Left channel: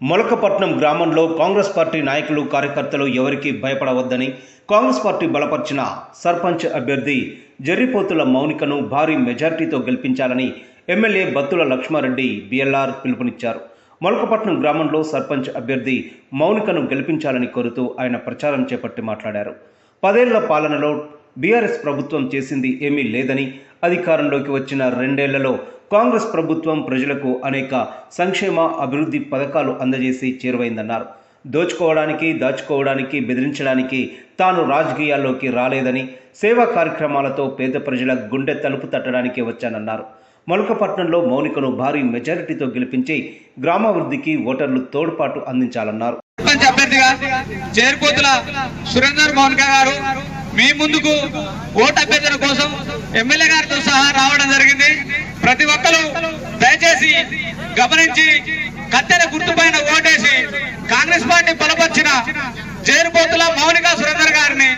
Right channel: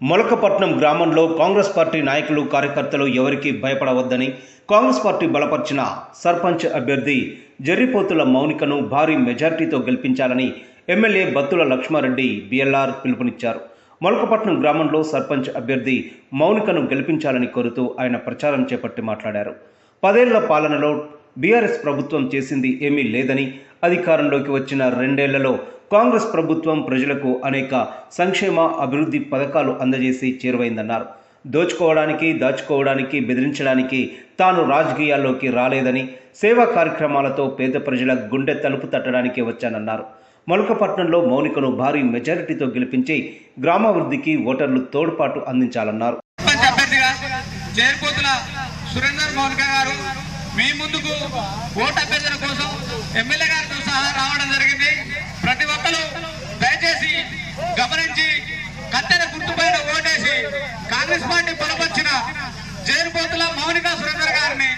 మొలకపట్నం గ్రామంలో కాంగ్రెస్ పార్టీ నాయకులు కార్యకర్తలు ఎవరికీ భయపడవద్దని కాంగ్రెస్ పార్టీ బలపరిచిన సర్పంచ్ అభ్యర్థి జర్రిపోతుల మౌనికను భారీ మెజార్టీతో గెలిపించాలని ఎమ్మెల్యే బత్తుల లక్ష్మారెడ్డి బిఎల్ఆర్ పిలుపునిచ్చారు. మొలకపట్నం గ్రామంలో సర్పంచ్ అభ్యర్థి మౌనికను గెలిపించాలని కోరుతూ ఆయన ప్రచారం చేపట్టి మాట్లాడారు. 10 ఏళ్ల పాలనలో బీఆర్ఎస్ ప్రభుత్వం చేసింది ఏమీ లేదని, అధికారంలోకి వచ్చిన 2 ఏళ్లలో కాంగ్రెస్ ప్రభుత్వం ప్రజలకు అనేక సంక్షేమ అభివృద్ధి పథకాలు అందజేసి చేరువైందన్నారు. దోచుకోవడానికి, దాచుకోవడానికి, బెదిరించడానికి తాను రాజకీయాల్లోకి రాలేదని, సేవా కార్యక్రమాలతో పేద ప్రజల గుండె తలుపు తట్టడానికి వచ్చానన్నారు. మొలకపట్నంలో మౌనికను భారీ మెజారిటీతో గెలిపించి గ్రామాభివృద్ధికి ఓటర్లు తోడ్పాటు అందించాలన్నారు. మీ ముందుకు ఓటు అభ్యర్థన కోసం ఎమ్మెల్యే గారితో సహా రావడం జరిగింది. ప్రతి ఒక్కరూ దయచేసి గమనించి కత్తెర గుర్తుపైన ఓటేసి కాంగ్రెస్ పార్టీ బలపరిచిన జేరుపోతుల మౌనిక సురేందర్ గారిని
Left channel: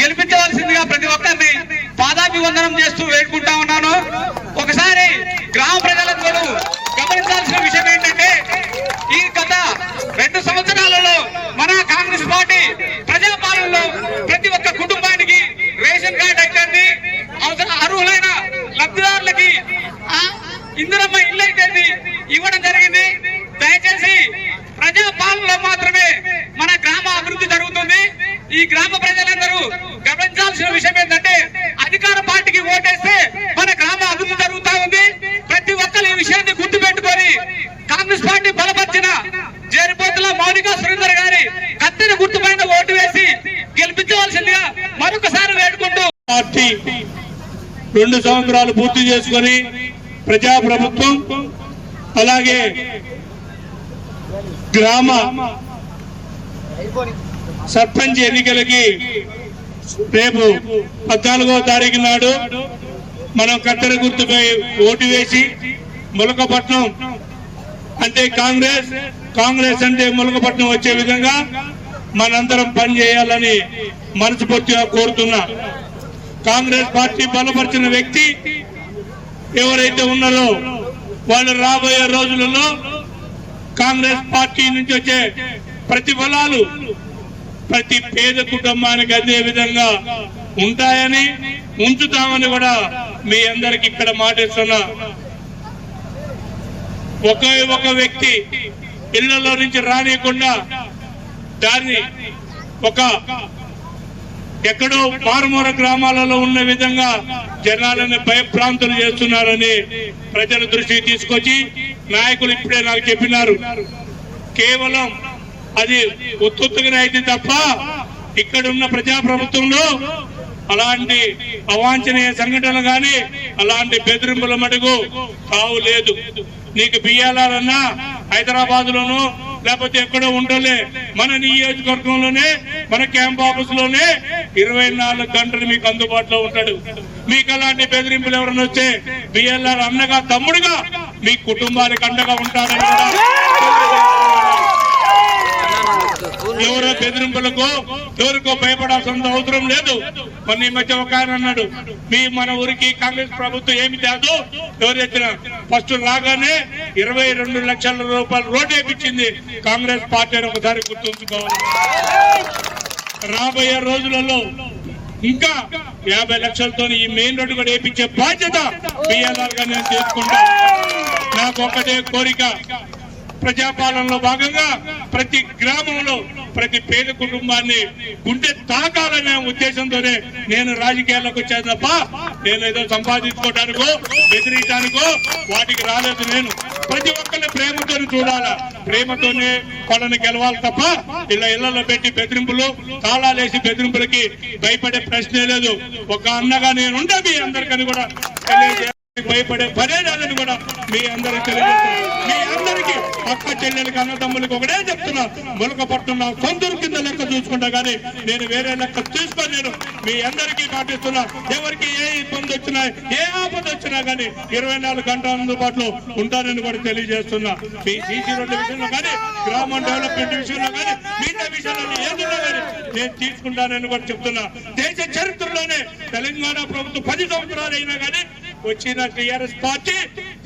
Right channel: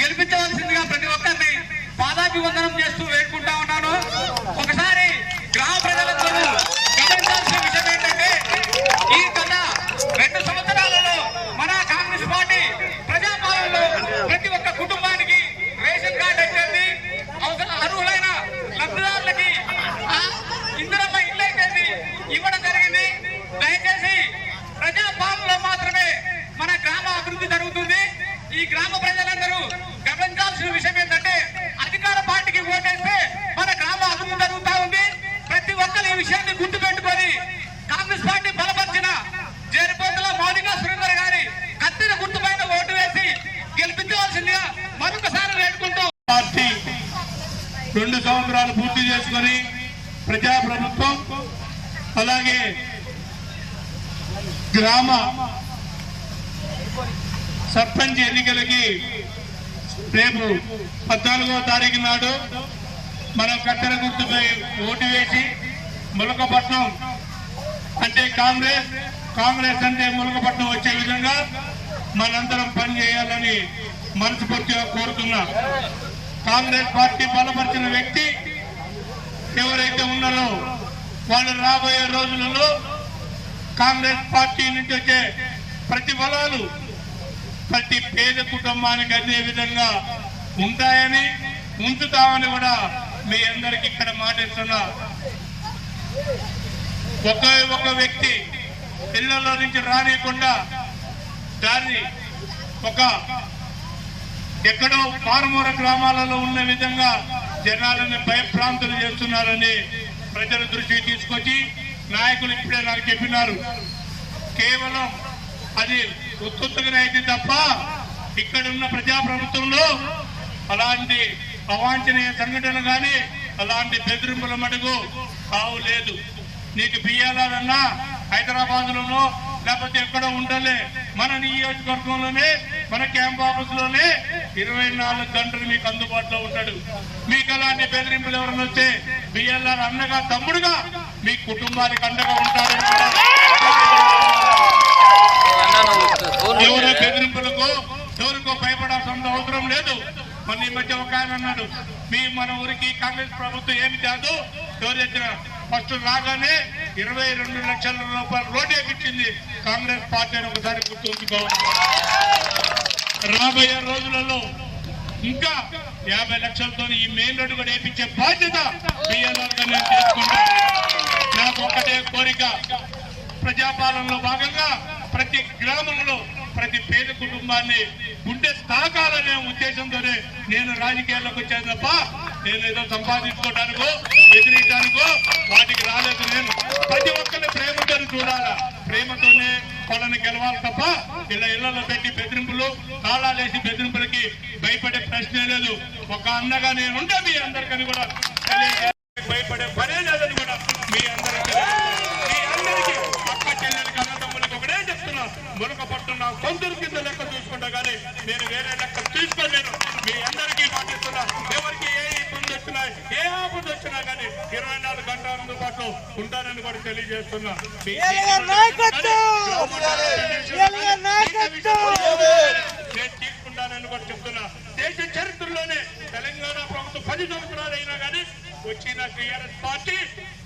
గెలిపించవలసిందిగా ప్రతి ఒక్కరిని పాదాభివందనం చేస్తూ వేడుకుంటా ఉన్నాను. ఒకసారి గ్రామ ప్రజలందరూ గమనించాల్సిన విషయం ఏంటంటే, ఈ గత 2 సంవత్సరాలలో మన కాంగ్రెస్ పార్టీ ప్రజాపాలనలో ప్రతి ఒక్క కుటుంబానికి రేషన్ కార్డు అయితే, అర్హులైన లబ్ధిదారులకి ఇందిరమ్మ ఇల్లు అయితే ఇవ్వడం జరిగింది. దయచేసి ప్రజాపాలనలో మాత్రమే మన గ్రామ అభివృద్ధి జరుగుతుంది. ఈ గ్రామ ప్రజలందరూ గమనించాల్సిన విషయం ఏంటంటే, అధికార పార్టీకి ఓటేస్తే మన గ్రామ అభివృద్ధి జరుగుతూ ఉంది. ప్రతి ఒక్కరు ఈ విషయాన్ని గుర్తుపెట్టుకొని కాంగ్రెస్ పార్టీ బలపరిచిన జేరుపోతుల మౌనిక సురేందర్ గారి కత్తెర గుర్తుపైన ఓటు వేసి గెలిపించవలసిందిగా మరొకసారి వేడుకుంటూ, పార్టీ 2 సంవత్సరాలు పూర్తి చేసుకొని ప్రజాప్రభుత్వం అలాగే గ్రామ సర్పంచ్ ఎన్నికలకి రేపు 14వ తారీఖు నాడు మనం కత్తెర గుర్తుపై ఓటు వేసి మొలకపట్నం అంటే కాంగ్రెస్ అంటే మొలకపట్నం వచ్చే విధంగా మనందరం పనిచేయాలని మనస్ఫూర్తిగా కోరుతున్నా. కాంగ్రెస్ పార్టీ బలపరిచిన వ్యక్తి ఎవరైతే ఉన్నారో వాళ్ళు రాబోయే రోజులలో కాంగ్రెస్ పార్టీ నుంచి వచ్చే ప్రతిఫలాలు ప్రతి పేద కుటుంబానికి అదే విధంగా ఉంటాయని, ఉంచుతామని కూడా మీ అందరికి ఇక్కడ మాటిస్తున్నా. ఒక వ్యక్తి ఇళ్లలో నుంచి రానియకుండా దాన్ని ఎక్కడో మారుమూల గ్రామాలలో ఉన్న విధంగా జనాలను భయభ్రాంతులు చేస్తున్నారని ప్రజల దృష్టికి తీసుకొచ్చి నాయకులు ఇప్పుడే నాకు చెప్పినారు. కేవలం అది ఉత్తుగా అయితే తప్ప ఇక్కడున్న ప్రజాప్రభుత్వంలో అలాంటి అవాంఛనీయ సంఘటనలు కానీ అలాంటి బెదిరింపుల మటుకు కావు లేదు. నీకు బియ్యాలన్నా హైదరాబాద్ లోనో లేకపోతే ఎక్కడో ఉండలే, మన నియోజకవర్గంలోనే మన క్యాంప్ ఆఫీస్ లోనే 24 గంటలు మీకు అందుబాటులో ఉంటాడు. మీకు అలాంటి బెదిరింపులు ఎవరైనా వచ్చే బిఎల్ఆర్ అన్నగా తమ్ముడుగా మీ కుటుంబానికి అండగా ఉంటారని ఎవరో బెదిరింపులకు ఎవరికో భయపడాల్సిన అవసరం లేదు. మొన్న ఈ మధ్య ఒక ఆయన అన్నాడు, మన ఊరికి కాంగ్రెస్ ప్రభుత్వం ఏమి కాదు, ఎవరైతే ఫస్ట్ రాగానే 22 లక్షల రూపాయలు రోడ్డు వేయించింది కాంగ్రెస్ పార్టీ అని ఒకసారి గుర్తుంచుకోవాలి. రాబోయే రోజులలో ఇంకా 50 లక్షలతో ఈ మెయిన్ రోడ్డు కూడా వేయించే బాధ్యత బిఎల్ఆర్ గా నేను తీసుకుంటా. నాకు ఒకటే కోరిక, ప్రజాపాలనలో భాగంగా ప్రతి గ్రామంలో ప్రతి పేద కుటుంబాన్ని గుండె తాకాలనే ఉద్దేశంతోనే నేను రాజకీయాల్లోకి వచ్చాను తప్ప నేనేదో సంపాదించుకోవడానికో బెదిరించడానికో వాటికి రాలేదు. నేను ప్రతి ఒక్కరిని ప్రేమతో చూడాలా, ప్రేమతోనే వాళ్ళని గెలవాలి తప్ప ఇలా ఇళ్లలో పెట్టి బెదిరింపులు తాళాలేసి బెదిరింపులకి భయపడే ప్రశ్నే లేదు. ఒక అన్నగా నేను ఉండే మీ అందరికని కూడా భయపడే పనే లేదని కూడా మీ అందరికి తెలియజేస్తాను. మీ అందరికీ పక్క చెల్లెలకి అన్నదమ్ములకి ఒకటే చెప్తున్నా, మొలకపట్నం నా సొంతూరు కింద లెక్క చూసుకుంటా కానీ నేను వేరే లెక్క తీసుకోలేను. మీ అందరికీ పాటిస్తున్నా. ఎవరికి ఏ ఇబ్బంది వచ్చినా ఏ ఆపద వచ్చినా కానీ 24 గంటల అందుబాటులో ఉంటానని కూడా తెలియజేస్తున్నా. మీ సీసీ రోడ్ల విషయంలో కానీ గ్రామ డెవలప్మెంట్ విషయంలో కానీ మిగతా విషయంలో ఏదో నేను తీసుకుంటానని కూడా చెప్తున్నా. దేశ చరిత్రలోనే తెలంగాణ ప్రభుత్వం 10 సంవత్సరాలు అయినా కానీ వచ్చిన టీఆర్ఎస్ పార్టీ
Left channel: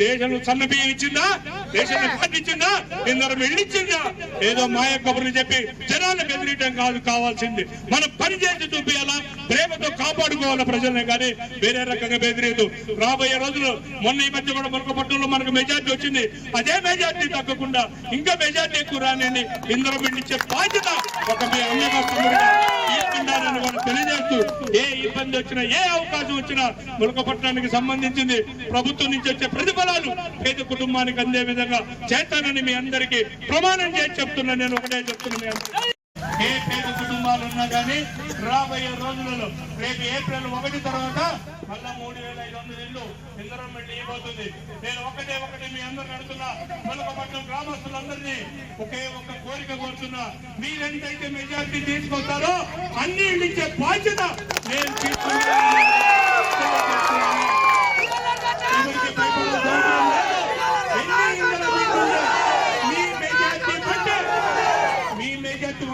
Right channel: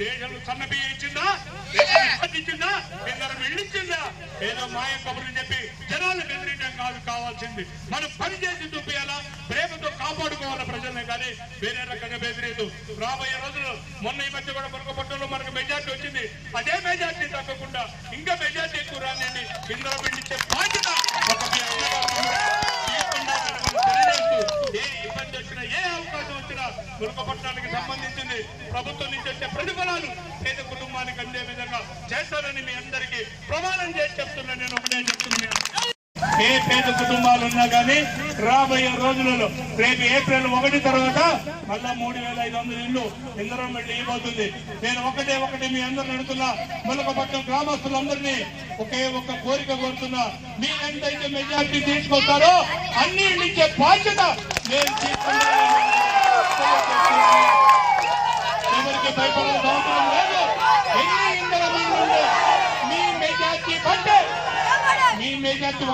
దేశంలో సన్నబియ్యం ఇచ్చిందా, దేశాన్ని పండించిందా, ఇందరం వెళ్ళిచ్చిందా? ఏదో మాయ కబుర్లు చెప్పి జనాన్ని బెదిరియటం కాదు కావాల్సింది. మనం పని చేసి చూపించాలా, ప్రేమతో కాపాడుకోవాలా ప్రజల్ని, కానీ వేరే రకంగా బెదిరియదు. రాబోయే రోజులు మొన్న ఈ మధ్య కూడా మునకపట్నంలో మనకు మెజార్టీ వచ్చింది. అదే మెజార్టీ తగ్గకుండా ఇంకా మెజార్టీ ఎక్కువ రానండి ఇందరం వెళ్ళిచ్చే బాధ్యత ఒక మీ అన్నగా తమ్ముడుగా తీసుకుంటారని వాళ్ళు తెలియజేస్తూ, ఏ ఇబ్బంది వచ్చినా ఏ అవకాశం వచ్చినా మునకపట్నానికి సంబంధించింది ప్రభుత్వం నుంచి వచ్చే ప్రతిఫలాలు పేద కుటుంబానికి అందే విధంగా చేస్తానని మీ అందరికీ ప్రమాణం చేసి చెప్తున్నా. నేను ఒకటే చెప్తున్నా, మీ అందరికీ ఏ పేద కుటుంబాలు ఉన్నా కానీ రాబోయే రోజులలో రేపు ఏప్రిల్ 1 తర్వాత మళ్ళా 3,500 ఇల్లు ఇందరం వెళ్ళి ఇవ్వబోతుంది. నేను ఒకటే మీ అందరిని అడుగుతున్నా, మునకపట్నం గ్రామస్తులందరినీ ఒకే ఒక్క కోరిక కోరుతున్నా, మీరెంతైతే మెజార్టీ తీసుకొస్తారో అన్ని ఇల్లు ఇచ్చే బాధ్యత నేను తీసుకుంటాను. ఎవరికి భయపడాల్సిన అవసరం లేదు. ఎన్ని ఇందరం ఇల్లు మీ మెజార్టీ కంటే మీ మెజార్టీ